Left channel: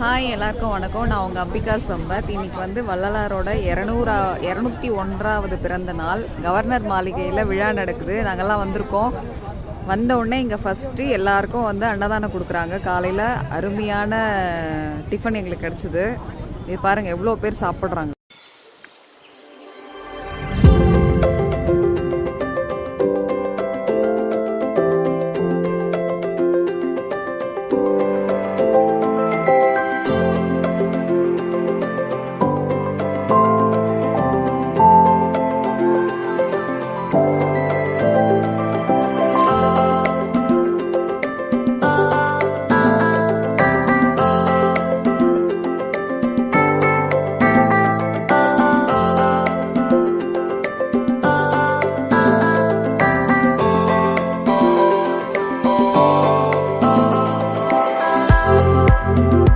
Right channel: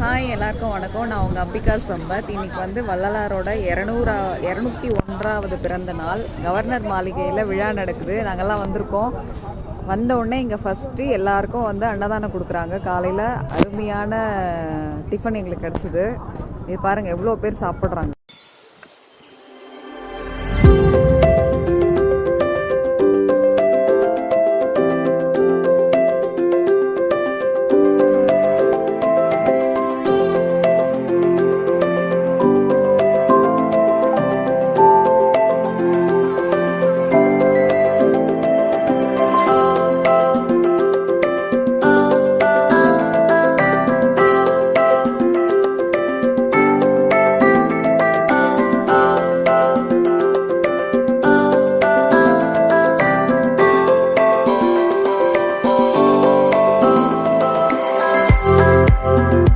Hi எல்லாருக்கும் வணக்கம். நான் உங்கள் அம்பிகா சம்பத். இன்னைக்கு வந்து வள்ளலாரோட 201வது பிறந்த நாள். கவர்னர் மாளிகையில் விழா நடக்குது. நாங்கள்லாம் வந்திருக்கோம். வந்த உடனே இங்கே ஃபஸ்ட்டு எல்லாருக்கும் வந்து அன்னதானம் கொடுக்குறாங்க. காலையில் அருமையான டிஃபன் எங்களுக்கு கிடச்சிது. இது பாருங்கள் எவ்வளோ பேர் சாப்பிட்றாங்க.